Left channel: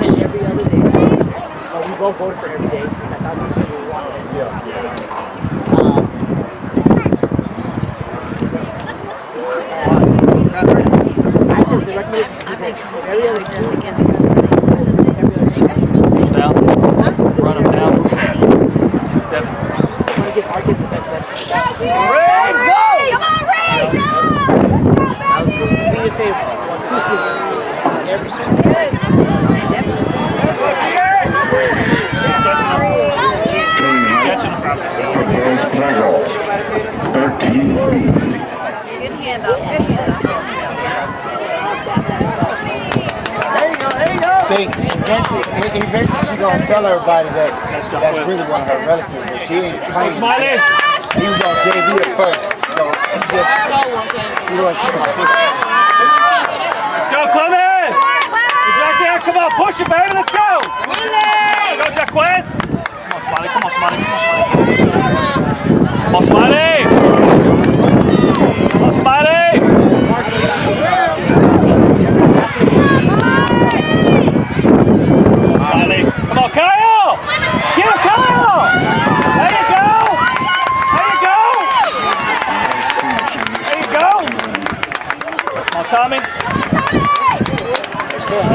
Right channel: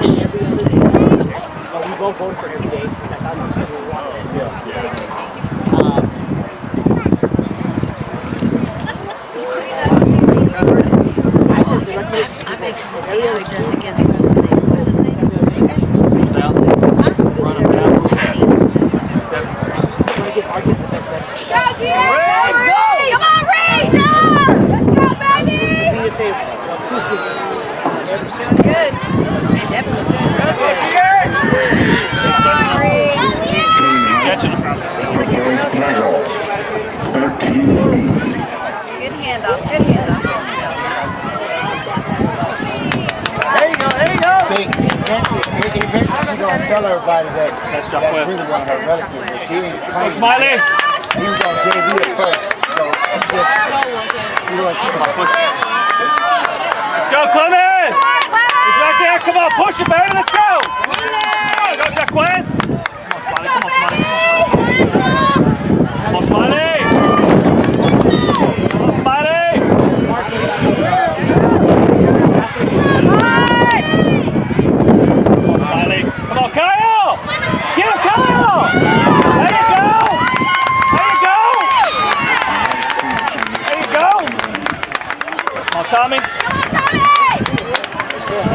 wanted every other day. But we both voted for every day. That's how much we wanted it. I said the recommendation. I'm anxious to see how he does against what's his name? What's his name? Down. Run him down. I want to give our kids the best lesson. Ray, go! Come on, Ray! Let's go, baby! We need to say 2 schools every school. Good. I definitely He's catching him. For 13 feet. Good handoff. Good handoff. There you go, there you go. See, eventually she's going to tell everybody that that's really one of her relatives, but she ain't claiming. Smiley! He was on JV at first, so she was Let's go, Clemens! He's right there. Come on, push it, baby. Let's go. Go, Jaquez. Come on, Smiley. Come on, Smiley. Come on, Smiley. Come on, Smiley. Come on, Smiley. Come on, Kyle. Get him, Kyle. There you go. There you go. There you go. Come on, Tommy. Good.